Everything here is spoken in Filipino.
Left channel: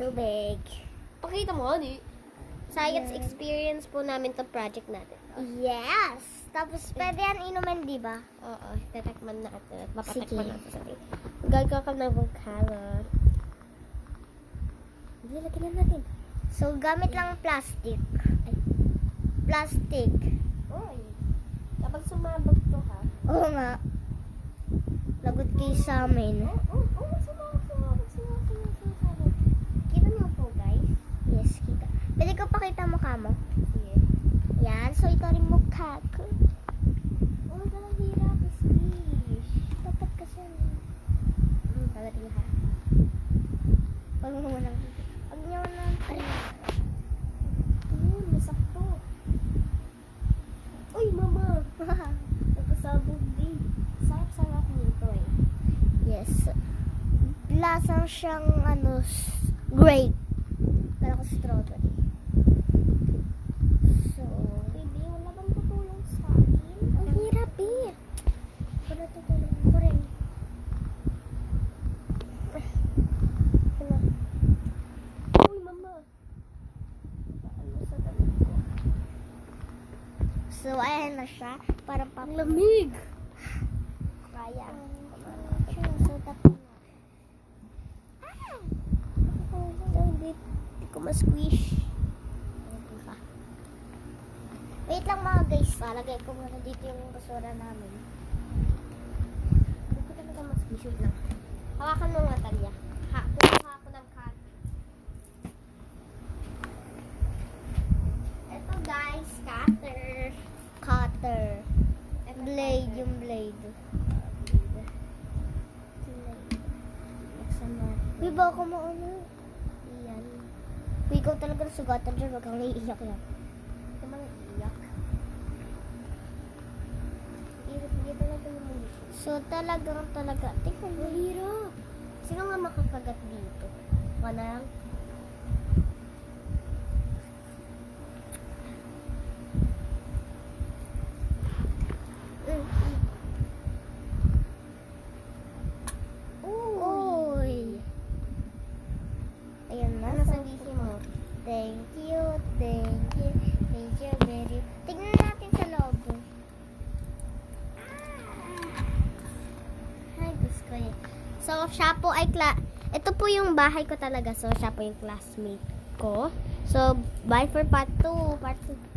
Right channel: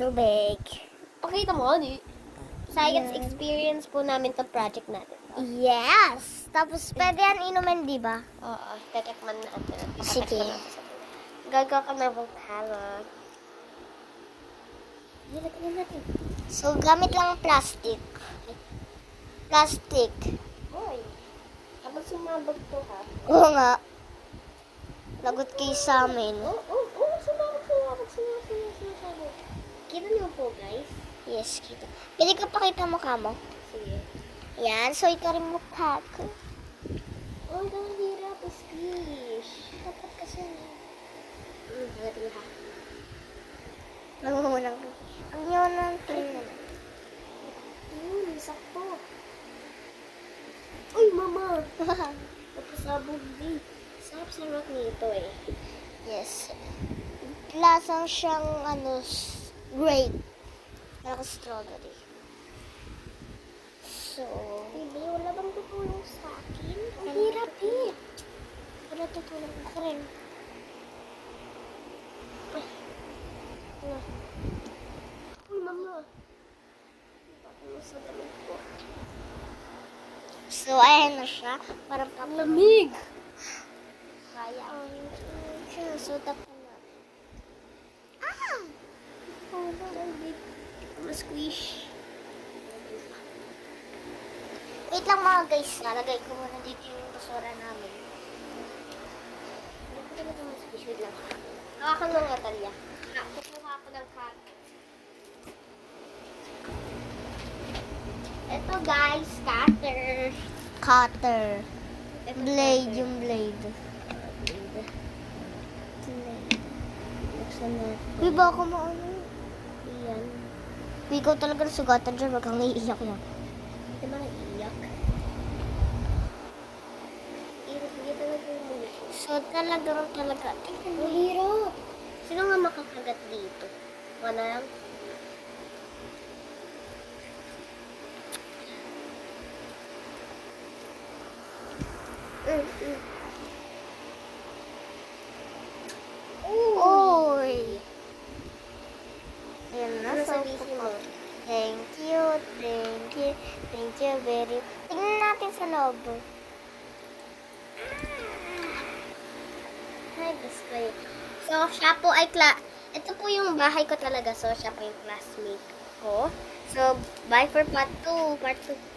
Tubig. Pakita mo, di. Science experience po namin to project natin. Yes! Tapos pwede yan inumin, di ba? Oo, tatakman natin. Sige. Gagawa ka ng vocalo. Lagyan na natin. So, gamit lang plastic. Plastic. Uy, kapag sumabog to ha. Oo nga. Lagot kayo sa amin. Sumabog. Kita niyo po, guys. Yes, kita. Pwede ko pakita mukha mo. Sige. Yan, so ito rin mukha ko. Oh, hirap. Squish. Dapat kasi. Pagkat niyo ha. Mangungunang. Ang yun ng Sakto. Uy, mama. Napasabog din. Sarap-sarap nito eh. Yes. Lasang siyang grape. Parang strawberry. So, Baby, wala bang tutulong sa akin? Ang hirap eh. wala tutulong ako rin. Uy, mama. Paano sa damit ko? So, ayan na siya. Parang Lamig. Kaya. Sinusuta ko na. Oh, baby. Hindi ko ma-squish. Wait lang mga guys. Lagay ko muna dito yung basura namin. Hindi ko na ma-squish. Wait lang. Hakakan lang nga, Talia. Kukuha ko ng cut. Ito guys, cutter. Cutter. Ito, Blade, cutter. yung blade. Blade. Blade. Buksan natin. Uy, baka maano. Iyan. Uy, ikaw talaga nasugatan dyan. Wag kang naiiyak lang. Di ba naiiyak? Iyak talaga yung bulit. So, talaga. Tingnan mo. Ang hirap. Sino nga makakagat dito? Wala lang. Uy. Ayan na. Ano So, sabihin mo? thank you very much. Tingnan natin sa loob. Hi, display. So, siya po ay ito po yung bahay ko talaga. So, siya po yung classmate ko. So, bye for part 2. Part 2.